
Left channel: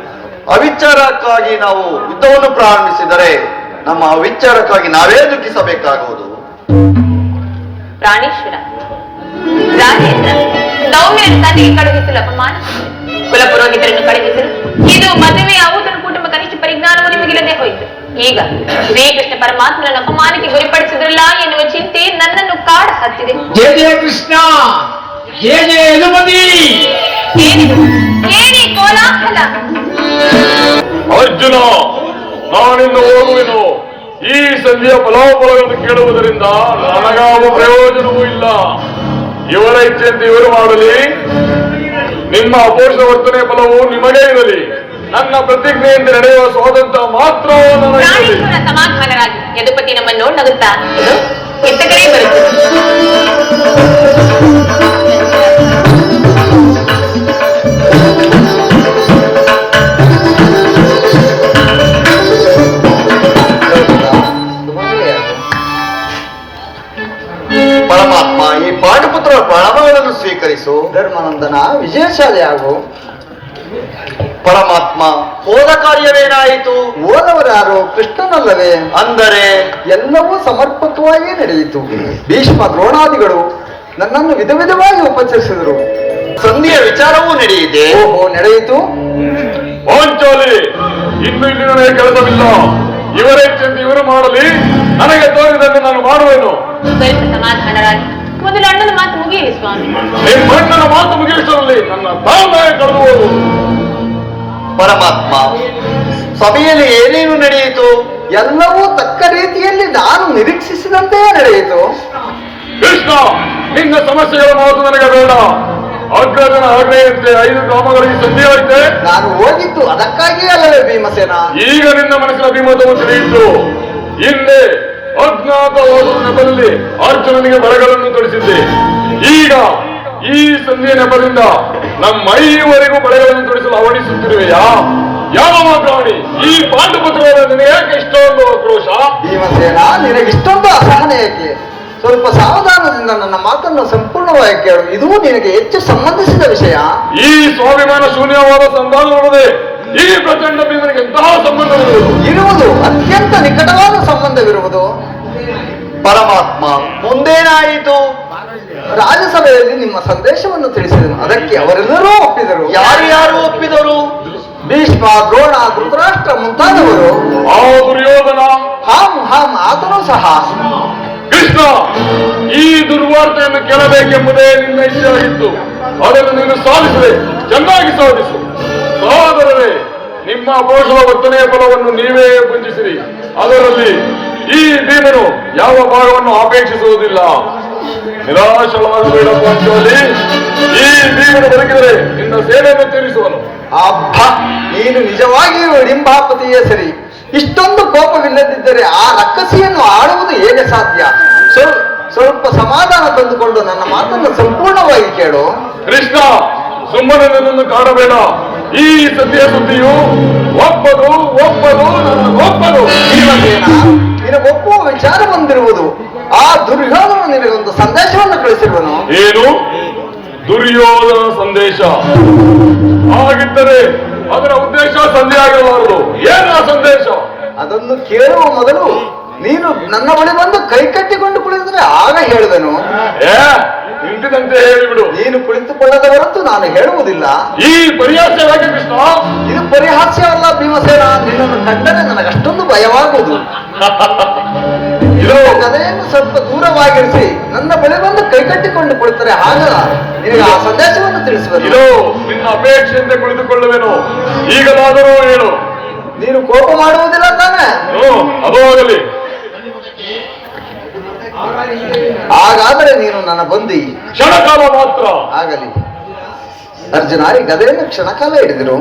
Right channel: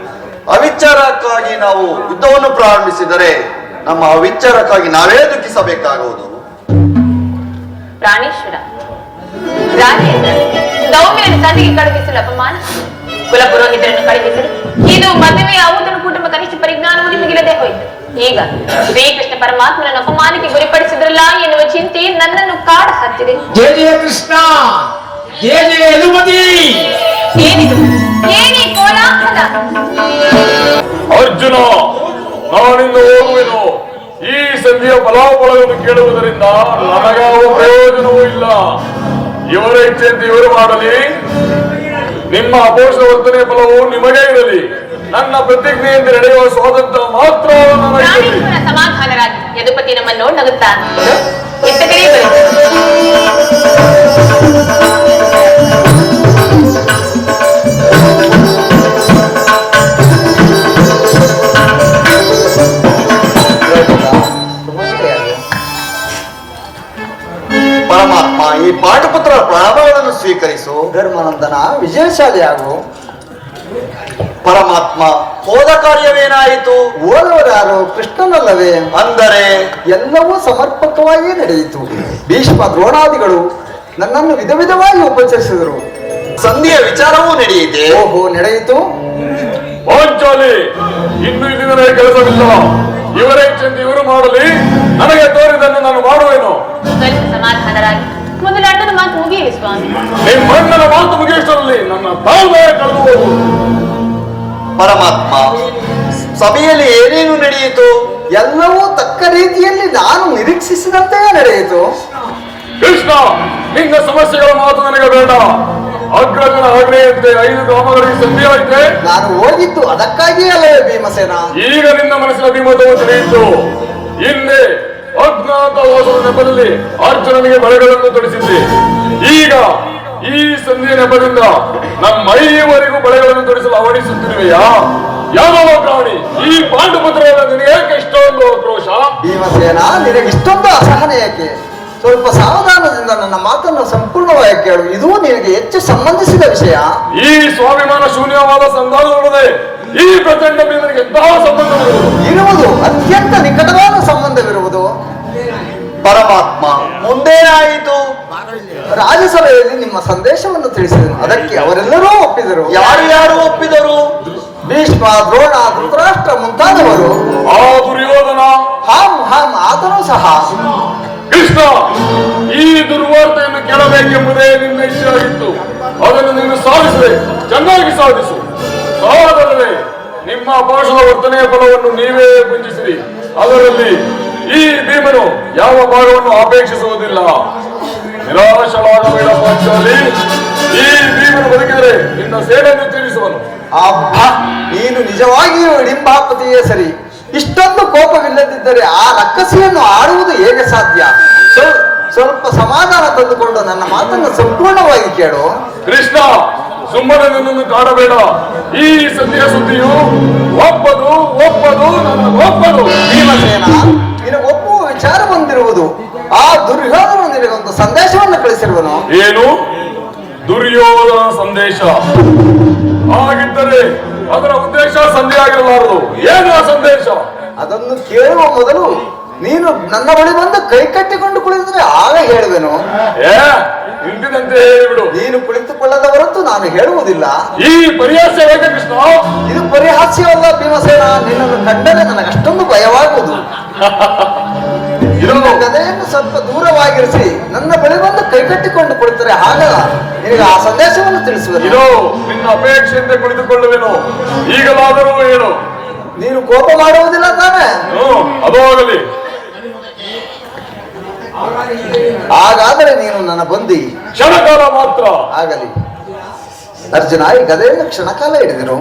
ಅವಿಚಾರಕ್ಕಾಗಿ ನಾವು ಯುದ್ಧವನ್ನು ಪ್ರಾರಂಭಿಸಿದರೆ ನಮ್ಮ ಅವಿಚಾರಕ್ಕಾಗಿ ನಾವೇ ದುಃಖಿಸಬೇಕಾಗುವುದು. ಪ್ರಾಣೇಶ್ವರ, ರಾಜೇಂದ್ರ ದೌಮ್ಯನ ತಂದೆಗೆ ಕಳುಹಿಸಲು ಅಪಮಾನ, ಕುಲಪುರೋಹಿತರನ್ನು ಕಳುಹಿಸಲು ಇದು ಮದುವೆ ಆವುದನ್ನು ಕುಟುಂಬ ಕನಿಷ್ಠ ಪರಿಜ್ಞಾನವು ನಿಮಗಿಲ್ಲದೆ ಹೋಯಿತು. ಈಗ ಶ್ರೀಕೃಷ್ಣ ಪರಮಾತ್ಮನ ಅಪಮಾನಕ್ಕೆ ಗುರಿಪಡಿಸಿದ್ರಲ್ಲ ಎನ್ನುವ ಚಿಂತೆ ನನ್ನನ್ನು ಕಾಡ ಹತ್ತಿದೆ. ಜಯ ಜಯ ಕೃಷ್ಣ, ಜಯ ಜಯ ಯದುಮತಿ. ಏನಿ ಕೋಲಾಹಲ? ಅರ್ಜುನ, ನಾನಿಂದ ಹೋಗುವೆನು. ಈ ಸಂಧಿಯ ಫಲಾಫಲಗಳನ್ನು ಕೇಳುವುದರಿಂದ ನನಗಾವ ಪ್ರಯೋಜನವೂ ಇಲ್ಲ. ಇವರ ಇಚ್ಛೆಯಂತೆ ಇವರು ಮಾಡಲಿ. ನಿಮ್ಮ ಅಪೋಷಿತ ವರ್ತನೆಯ ಫಲವು ನಿಮಗೇ ಇರಲಿ. ನನ್ನ ಪ್ರತಿಜ್ಞೆಯಿಂದ ನಡೆಯುವ ಸ್ವಾತಂತ್ರ್ಯ ಮಾತ್ರ ನನಗೆ. ಪ್ರಾಣೇಶ್ವರ ಸಮಾಧಾನರಾಗಿ ಯದುಪತಿ ನಮ್ಮನ್ನು ನಗುತ್ತಾ ಇತ್ತ ಕಡೆ ಬರುತ್ತದೆ. ಪರಮಾತ್ಮ, ಈ ಪಾಂಡುಪುತ್ರ ಪ್ರಣವಗಳನ್ನು ಸ್ವೀಕರಿಸು. ಧರ್ಮನಂದನ, ವಿಜಯಶಾಲಿಯಾಗು. ಪರಮಾತ್ಮ, ಹೋದ ಕಾರ್ಯವೇನಾಯಿತು? ಓದವರಾರು ಕೃಷ್ಣನಲ್ಲವೇ? ಅಂದರೆ ಎಲ್ಲವೂ ಸಮರ್ಪಕವಾಗಿ ನಡೆಯಿತು. ಭೀಷ್ಮ ದ್ರೋಣಾದಿಗಳು ನನ್ನನ್ನು ವಿಧ ವಿಧವಾಗಿ ಉಪಚರಿಸಿದರು. ಸಂಧಿಯ ವಿಚಾರವೂ ನಡೆಯಿದೆ. ಓಹೋ, ನಡೆಯಿತು. ಪಾಂಚಾಲಿ, ಇನ್ನು ಇಲ್ಲಿ ನನಗೆ ಕೆಲಸವಿಲ್ಲ. ಇವರ ಇಚ್ಛೆಯಂತೆ ಇವರು ಮಾಡಲಿ. ನನಗೆ ತೋರಿದಂತೆ ನಾನು ಮಾಡುವೆನು. ಸ್ವಲ್ಪ ಸಮಾಧಾನರಾಗಿ ಮೊದಲು ಅಣ್ಣನ ಮಾತು ಮುಗಿಯಲಿ ಸ್ವಾಮಿ. ನಿಮ್ಮ ಅಣ್ಣನ ಮಾತು ಮುಗಿಯುವಷ್ಟರಲ್ಲಿ ನನ್ನ ತಾಳ್ಮೆ ಕಳೆದುಕೊಳ್ಳುವುದು. ಪರಮಾತ್ಮ, ಸಭೆಯಲ್ಲಿ ಏನೇನು ನಡೆಯಿತು? ಎಲ್ಲವೂ ತಕ್ಕ ರೀತಿಯಲ್ಲಿ ನಾನು ನಿರೀಕ್ಷಿಸಿದಂತೆಯೇ ನಡೆಯಿತು. ಕೃಷ್ಣ, ನಿನ್ನ ಸಮಸ್ಯೆಗಳ ಮಾತು ನನಗೆ ಬೇಡ. ಅಗ್ರಜನ ಆಜ್ಞೆಯಂತೆ 5 ಗ್ರಾಮಗಳಿಗೆ ಸಂಧಿ ಆಯಿತೆ. ನಾನು ಹೋಗಿದ್ದು ಅದಕ್ಕಾಗಿಯೇ ಅಲ್ಲವೇ ಭೀಮಸೇನ? ಈಗ ನಿನ್ನ ಮನಸ್ಸಿನ ಅಭಿಮತವು ತಿಳಿಯಿತು. ಹಿಂದೆ ಅಜ್ಞಾತ ನೆಪದಲ್ಲಿ ಅರ್ಜುನನಿಗೆ ಬಳೆಗಳನ್ನು ತೊಡಿಸಿದ್ದೆ. ಈಗ ಈ ಸಂಧಿಯ ನೆಪದಿಂದ ನಮ್ಮ 5ವರೆಗೂ ಬಳೆಗಳನ್ನು ತೊಡಿಸಲು ಅವಡಿಸುತ್ತಿರುವೆಯಾ? ಯಾವ ಪ್ರಾಣಿ? ಈ ಪಾಂಡುಪುತ್ರವಾದ ನಿನಗೆ ಯಾಕೆ ಇಷ್ಟೊಂದು ಆಕ್ರೋಶ? ಭೀಮಸೇನ, ನಿನಗಿಷ್ಟೊಂದು ಅಸಹನೆ ಏಕೆ? ಸ್ವಲ್ಪ ಸಾವಧಾನದಿಂದ ನನ್ನ ಮಾತನ್ನು ಸಂಪೂರ್ಣವಾಗಿ ಕೇಳು. ಇದು ನಿನಗೆ ಹೆಚ್ಚು ಸಂಬಂಧಿಸಿದ ವಿಷಯ. ಈ ಸ್ವಾಭಿಮಾನ ಶೂನ್ಯವಾದ ಸಂಧಾನದೊಡನೆ ಈ ಪ್ರಚಂಡ ಭೀಮನಿಗೆ ಎಂತಹ ಸಂಬಂಧವಿರುವುದು? ಇರುವುದು ಅತ್ಯಂತ ನಿಕಟವಾದ ಸಂಬಂಧವಿರುವುದು. ಪರಮಾತ್ಮ, ಮುಂದೇನಾಯಿತು? ರಾಜ್ಯಸಭೆಯಲ್ಲಿ ನಿಮ್ಮ ಸಂದೇಶವನ್ನು ತಿಳಿಸಿದನು. ಅದಕ್ಕೆ ಅವರೆಲ್ಲರೂ ಒಪ್ಪಿದರು. ಯಾರು ಯಾರು ಒಪ್ಪಿದರು? ಭೀಷ್ಮ, ದ್ರೋಣ, ಧೃತರಾಷ್ಟ್ರ ಮುಂತಾದವರು. ಆ ದುರ್ಯೋಧನ, ಹಾಂ ಹಾಂ ಆದರೂ ಸಹ. ಕೃಷ್ಣ, ಈ ದುರ್ವಾರ್ತೆಯನ್ನು ಕೇಳಬೇಕೆಂಬುದೇ ನಿನ್ನ ಇಚ್ಛೆಯಾಗಿತ್ತು. ಅದನ್ನು ನೀನು ಸಾಧಿಸಿದೆ. ಚೆನ್ನಾಗಿ ಸಾಧಿಸು. ಸಾಧನೆ ನಿಮ್ಮ ಪೌರುಷದ ವರ್ತನೆಯ ಫಲವನ್ನು ನೀವೇ ಗುಂಜಿಸಿರಿ. ಅದರಲ್ಲಿ ಈ ಭೀಮನು ಯಾವ ಭಾಗವನ್ನು ಅಪೇಕ್ಷಿಸುವುದಿಲ್ಲ. ನಿರಾಶವಾಗಬೇಡ ಪಾಂಚಾಲಿ. ಈ ಭೀಮನು ಬದುಕಿದರೆ ನಿನ್ನ ಸೇವೆಯನ್ನು ತೀರಿಸುವನು. ಅಬ್ಬಾ, ನೀನು ನಿಜವಾಗಿಯೂ ಹಿಡಿಂಬಾಪತಿಯೇ ಸರಿ. ಇಷ್ಟೊಂದು ಕೋಪವಿಲ್ಲದಿದ್ದರೆ ಆ ರಕ್ಕಸಿಯನ್ನು ಆಡುವುದು ಹೇಗೆ ಸಾಧ್ಯ? ಸ್ವಲ್ಪ ಸಮಾಧಾನ ತಂದುಕೊಂಡು ನನ್ನ ಮಾತನ್ನು ಸಂಪೂರ್ಣವಾಗಿ ಕೇಳು. ಕೃಷ್ಣ, ಸುಮ್ಮನೆ ನನ್ನನ್ನು ಕಾಡಬೇಡ. ಈ ಸದ್ಯ ಸುದ್ದಿಯು ಒಪ್ಪದು ಒಪ್ಪದು. ಭೀಮಸೇನ, ನಿನಗೆ ಒಪ್ಪುವ ವಿಚಾರ ಬಂದಿರುವುದು. ಆ ದುರ್ಯೋಧನ ನಿನಗೊಂದು ಸಂದೇಶವನ್ನು ಕಳಿಸಿರುವನು. ಏನು? ದುರ್ಯೋಧನ ಸಂದೇಶ? ಹಾಗಿದ್ದರೆ ಅದರ ಉದ್ದೇಶ ಸಂಧಿ ಆಗಿರಲಾರದು. ಏನು ಆ ಸಂದೇಶ? ಅದನ್ನು ಕೇಳುವ ಮೊದಲು ನೀನು ನನ್ನ ಬಳಿ ಬಂದು ಕೈ ಕಟ್ಟಿಕೊಂಡು ಕುಳಿತರೆ ಆಗ ಹೇಳುವೆನು. ಇಂದಿನಂತೆ ಹೇಳಿಬಿಡು. ನೀನು ಕುಳಿತುಕೊಳ್ಳದ ಹೊರತು ನಾನು ಹೇಳುವುದಿಲ್ಲ. ಈ ಪರಿಹಾಸ್ಯವಾಗಿ ಕೃಷ್ಣ. ಇದು ಪರಿಹಾಸ್ಯವಲ್ಲ ಭೀಮಸೇನ. ನಿನ್ನನ್ನು ಕಂಡರೆ ನನಗಷ್ಟೊಂದು ಭಯವಾಗುವುದು. ಗದೆಯನ್ನು ಸ್ವಲ್ಪ ದೂರವಾಗಿರಿಸಿ ನನ್ನ ಬಳಿ ಬಂದು ಕೈಕಟ್ಟಿಕೊಂಡು ಕುಳಿತರೆ ಆಗಲ್ಲ. ನಿನಗೆ ಆ ಸಂದೇಶವನ್ನು ತಿಳಿಸುವುದು. ಇದು ನಿನ್ನ ಅಪೇಕ್ಷೆಯಿಂದ ಕುಳಿತುಕೊಳ್ಳುವೆನು. ಈಗಲಾದರೂ ಹೇಳು. ನೀನು ಕೋಪ ಮಾಡುವುದಿಲ್ಲ ತಾನೆ? ಅದು ಆಗಲಿ. ಹಾಗಾದರೆ ನೀನು ನನ್ನ ಬಂದಿ. ಕ್ಷಣಕಾಲ ಮಾತ್ರ ಆಗಲಿ. ಅರ್ಜುನ, ಈ ಗದೆಯನ್ನು ಕ್ಷಣಕಾಲ ಹಿಡಿದಿರು.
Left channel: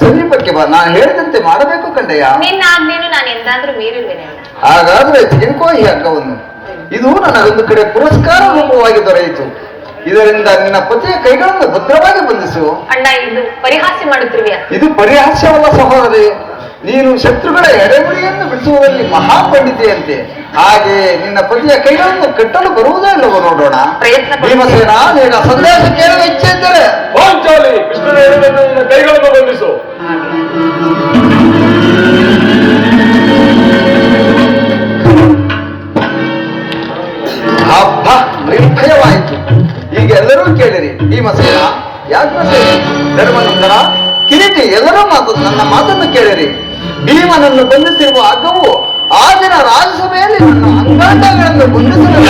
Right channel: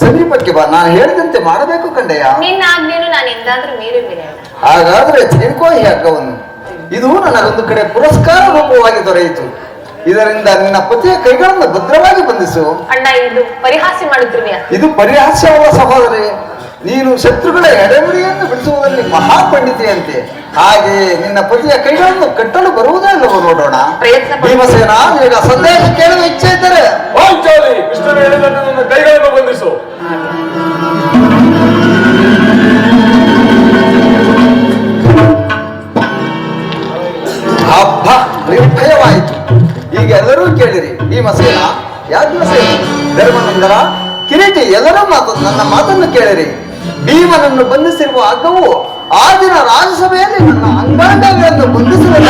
ಸಮೀಪಕ್ಕೆ ಬಾ. ನಾನು ಹೇಳಿದಂತೆ ಮಾಡಬೇಕು ಕಂಡೆಯ. ನಿನ್ನ ಆಜ್ಞೆಯನ್ನು ನಾನು ಎಂದಾದ್ರೂ ಮೀರಿರುವೆನೆ. ಹಾಗಾದ್ರೆ ತೆಗೆದುಕೋ ಈ ಹಗ್ಗವನ್ನು. ಇದು ನನಗೊಂದು ಕಡೆ ಪುರಸ್ಕಾರ ರೂಪವಾಗಿ ದೊರೆಯಿತು. ಇದರಿಂದ ನಿನ್ನ ಪತಿಯ ಕೈಗಳನ್ನು ಭದ್ರವಾಗಿ ಬಂಧಿಸು. ಅಣ್ಣ, ಇದು ಪರಿಹಾಸ್ಯ ಮಾಡುತ್ತಿರುವೆಯಾ? ಇದು ಪರಿಹಾಸ್ಯವಲ್ಲ ಸಹೋದರಿ. ನೀನು ಶತ್ರುಗಳ ಎಡೆಮುರಿಯನ್ನು ಬಿಡಿಸುವಲ್ಲಿ ಮಹಾಪಂಡಿತೆಯಂತೆ. ಹಾಗೆ ನಿನ್ನ ಪತಿಯ ಕೈಗಳನ್ನು ಕಟ್ಟಲು ಬರುವುದೇ ಇಲ್ಲವೋ ನೋಡೋಣ. ಭೀಮಸೇನ, ನಿನಗೆ ಸಂದೇಶ ಕೇಳುವ ಇಚ್ಛೆ ಇದ್ದರೆ ಪಾಂಚಾಲಿ ಕೃಷ್ಣನ ಹೇಳಿದಂತೆ ನನ್ನ ಕೈಗಳನ್ನು ಬಂಧಿಸು. ಹಬ್ಬ ನಿರ್ಭಯವಾಯಿತು. ಈಗ ಎಲ್ಲರೂ ಕೇಳಿರಿ. ಭೀಮಸೇನ, ಯಾಜ್ಞಸೇನ, ಧರ್ಮನಂದನ, ಕಿರೀಟಿ, ಎಲ್ಲರೂ ನನ್ನ ಮಾತನ್ನು ಕೇಳಿರಿ. ಭೀಮನನ್ನು ಬಂಧಿಸಿರುವ ಹಗ್ಗವು ಆ ದಿನ ರಾಜ್ಯಸಭೆಯಲ್ಲಿ ನನ್ನ ಅಂಗಾಂಗಗಳನ್ನು ಬಂಧಿಸಲು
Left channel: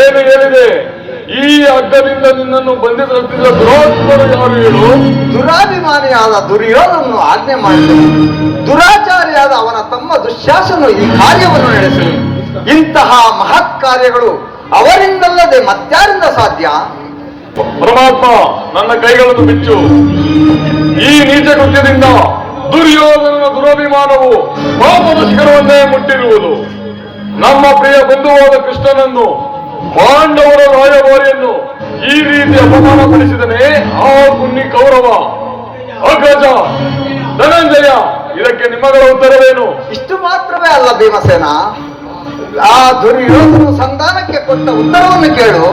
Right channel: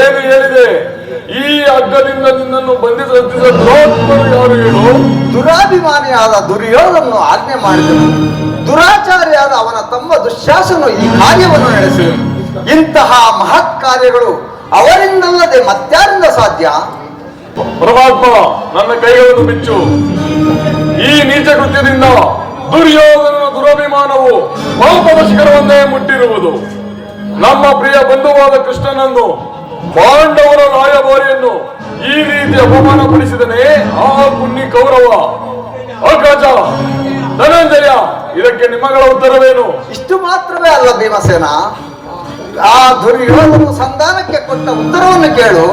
ಏನು ಹೇಳಿದೆ? ಈ ಹಗ್ಗದಿಂದ ನಿನ್ನನ್ನು ಬಂಧಿಸುತ್ತಿದ್ದ ದುರಾತ್ಮರು ಯಾರು ಹೇಳು? ದುರಾಭಿಮಾನಿಯಾದ ದುರ್ಯೋಧನನು ಆಜ್ಞೆ ಮಾಡಿದನು. ದುರಾಚಾರಿಯಾದ ಅವನ ತಮ್ಮ ದುಶ್ಯಾಸನು ಈ ಕಾರ್ಯವನ್ನು ನಡೆಸಿ ಇಂತಹ ಮಹತ್ ಕಾರ್ಯಗಳು ಅವರಿಂದಲ್ಲದೆ ಮತ್ಯಾರಿಂದ ಸಾಧ್ಯ? ಪರಮಾತ್ಮ, ನನ್ನ ಕೈಗಳನ್ನು ಬಿಚ್ಚು. ಈ ನೀಚ ಕೃತ್ಯದಿಂದ ದುರ್ಯೋಧನನ ದುರಭಿಮಾನವು ಲೋಕದ ಶಿಖರವನ್ನೇ ಮುಟ್ಟಿರುವುದು. ನಮ್ಮ ಪ್ರಿಯ ಬಂಧುವಾದ ಕೃಷ್ಣನನ್ನು, ಪಾಂಡವರ ರಾಯಭಾರಿಯನ್ನು ಈ ರೀತಿ ಅಪಮಾನಪಡಿಸಿದನೇ ಆ ಪುಣ್ಯ ಕೌರವ. ಅಗ್ರಜ, ಧನಂಜಯ, ಇದಕ್ಕೆ ನಿಮ್ಮಗಳ ಉತ್ತರವೇನು? ಇಷ್ಟು ಮಾತ್ರವೇ ಅಲ್ಲ ಭೀಮಸೇನ, ಆ ದುರ್ಯೋಧನ ಸಂಧಾನಕ್ಕೆ ಕೊಟ್ಟ ಉತ್ತರವನ್ನು ಕೇಳು.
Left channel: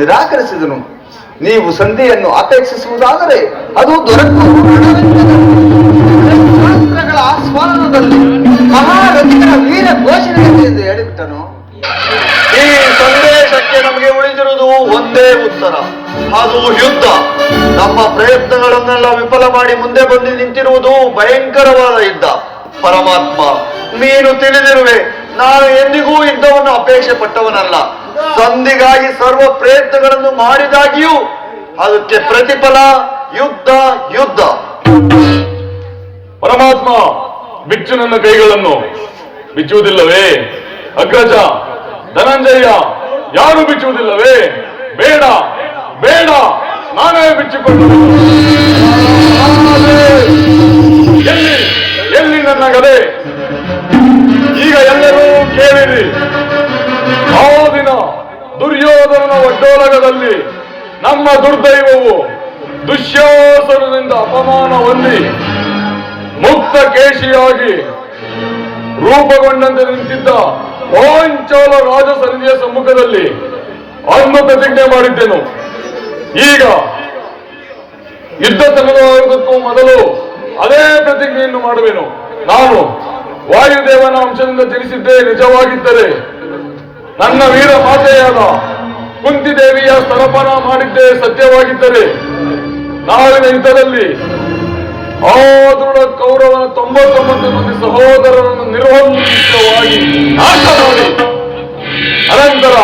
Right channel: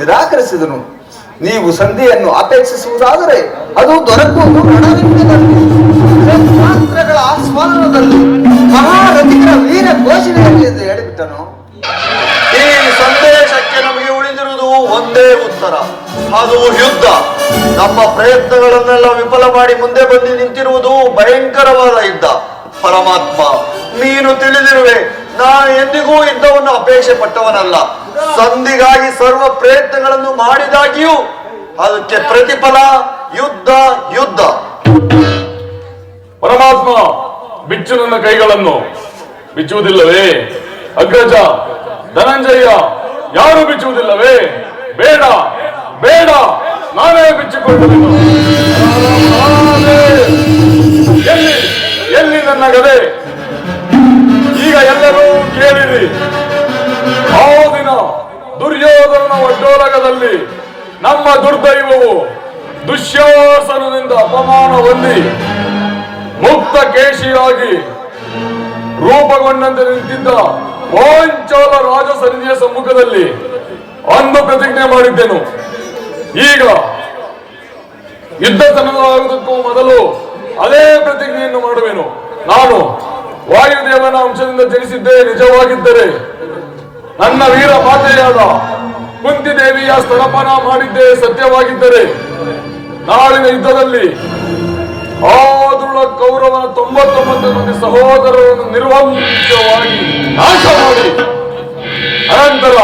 ನಿರಾಕರಿಸಿದನು. ನೀವು ಸಂಧಿಯನ್ನು ಅಪೇಕ್ಷಿಸುವುದಾದರೆ ಅದು ದೊರಕುವುದು ರಣರಂಗಗಳ ಆಸ್ವಾದನದಲ್ಲಿ ಮಹಾರಥಿಗಳ ವೀರ ಘೋಷಣೆಯಲ್ಲಿ ಎಂದು ಹೇಳಿಬಿಟ್ಟನು. ಈ ಸಂದೇಶಕ್ಕೆ ನಮಗೆ ಉಳಿದಿರುವುದು ಒಂದೇ ಉತ್ತರ, ಅದು ಯುದ್ಧ. ನಮ್ಮ ಪ್ರಯತ್ನಗಳನ್ನೆಲ್ಲ ವಿಫಲ ಮಾಡಿ ಮುಂದೆ ಬಂದು ನಿಂತಿರುವುದು ಭಯಂಕರವಾದ ಯುದ್ಧ. ಪರಮಾತ್ಮ, ನೀನು ತಿಳಿದಿರುವೆ, ನಾನು ಎಂದಿಗೂ ಯುದ್ಧವನ್ನು ಅಪೇಕ್ಷೆ ಪಟ್ಟವನಲ್ಲ. ಸಂಧಿಗಾಗಿ ಸರ್ವ ಪ್ರಯತ್ನಗಳನ್ನು ಮಾಡಿದಾಗಿಯೂ ಅದಕ್ಕೆ ಪ್ರತಿಫಲ ಯುದ್ಧ ಯುದ್ಧ. ಪರಮಾತ್ಮ, ಬಿಚ್ಚು ನನ್ನ ಕೈಗಳನ್ನು. ಬಿಚ್ಚುವುದಿಲ್ಲವೇ? ಅಗ್ರಜ, ಧನಂಜಯ, ಯಾರು ಬಿಚ್ಚುವುದಿಲ್ಲವೇ? ಬೇಡ ಬೇಡ, ನಾನೇ ಬಿಚ್ಚಿಕೊಂಡು ಎಲ್ಲಿ ಎಲ್ಲಿ ನನ್ನ ಗದೆ? ಈಗ ಎಲ್ಲರೂ ಕೇಳಿರಿ. ಆ ದಿನ ದುರ್ಯೋಧನನ ಒಡ್ಡೋಲಗದಲ್ಲಿ ನಮ್ಮ ದುರ್ದೈವವು ದುಶ್ಯಾಸನದಿಂದ ಅಪಮಾನ ಹೊಂದಿ ಮುಕ್ತ ಕೇಶಿಯಾಗಿ ರೂಪುಗೊಂಡಂತೆ ನಿಂತಿದ್ದ ಪಾಂಚಾಲ ರಾಜಸನ್ನಿಯ ಸಮ್ಮುಖದಲ್ಲಿ ಅಂದು ಪ್ರತಿಜ್ಞೆ ಮಾಡಿದ್ದೆನು. ಈಗ ಯುದ್ಧ ಸನ್ನದ್ಧವಾಗುವುದಕ್ಕೂ ಮೊದಲು ಅದೇ ಪ್ರತಿಜ್ಞೆಯನ್ನು ಮಾಡುವೆನು. ನಾನು ವಾಯುದೇವನ ಅಂಶದಿಂದ ಜನಿಸಿದ್ದೇ ನಿಜವಾಗಿದ್ದರೆ, ನನ್ನ ವೀರ ಮಾತೆಯಾದ ಕುಂತಿದೇವಿಯ ಸ್ತನಪಾನ ಮಾಡಿದ್ದೇ ಸತ್ಯವಾಗಿದ್ದರೆ, ನಾಳಿನ ಯುದ್ಧದಲ್ಲಿ ಆ ದೃಢ ಕೌರವನ 99 ಮಂದಿ ಸಹೋದರರನ್ನು ನಿರ್ವಂಶವಾಗಿ ನಾಶ ಮಾಡಿ ಅನಂತರ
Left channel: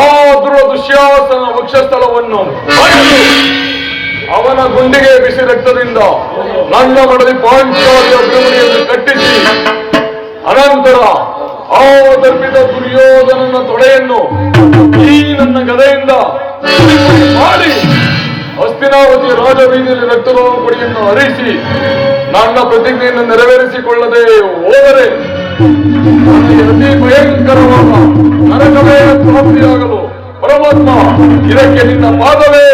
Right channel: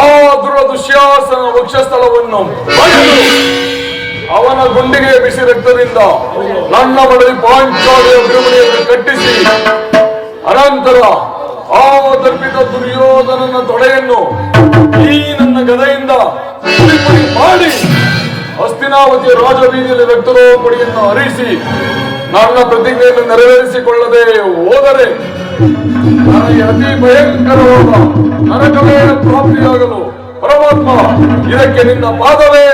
ಆ ದೃಢ ದುಶ್ಯಾಸನ ವಕ್ಷಸ್ಥಳವನ್ನು ಬಗೆದು ಅವನ ಗುಂಡಿಗೆ ಬಿಸಿ ರಕ್ತದಿಂದ ನನ್ನ ಮಡದಿ ಪಾಂಚಾಲಿಯ ಗುಂಡಿಯನ್ನು ಕಟ್ಟಿಸಿ ಅನಂತರ ಆ ತರ್ಪಿತ ದುರ್ಯೋಧನನ ತೊಡೆಯನ್ನು ಈ ನನ್ನ ಗದೆಯಿಂದ ಮಾಡಿ ಹಸ್ತಿನಾವತಿಯ ರಾಜಬೀದಿಯಲ್ಲಿ ರಕ್ತರೋಪಡಿಯನ್ನು ಹರಿಸಿ ನನ್ನ ಪ್ರತಿಜ್ಞೆಯನ್ನು ನೆರವೇರಿಸಿಕೊಳ್ಳದೆ ಹೋದರೆ ನನಗೆ ಅತಿ ಭಯಂಕರವಾದ ನರಕವೇ ಪ್ರಾಪ್ತಿಯಾಗಲು ಪರಮಾತ್ಮ ಇದಕ್ಕೆ ನಿನ್ನ ಪಾದವೇ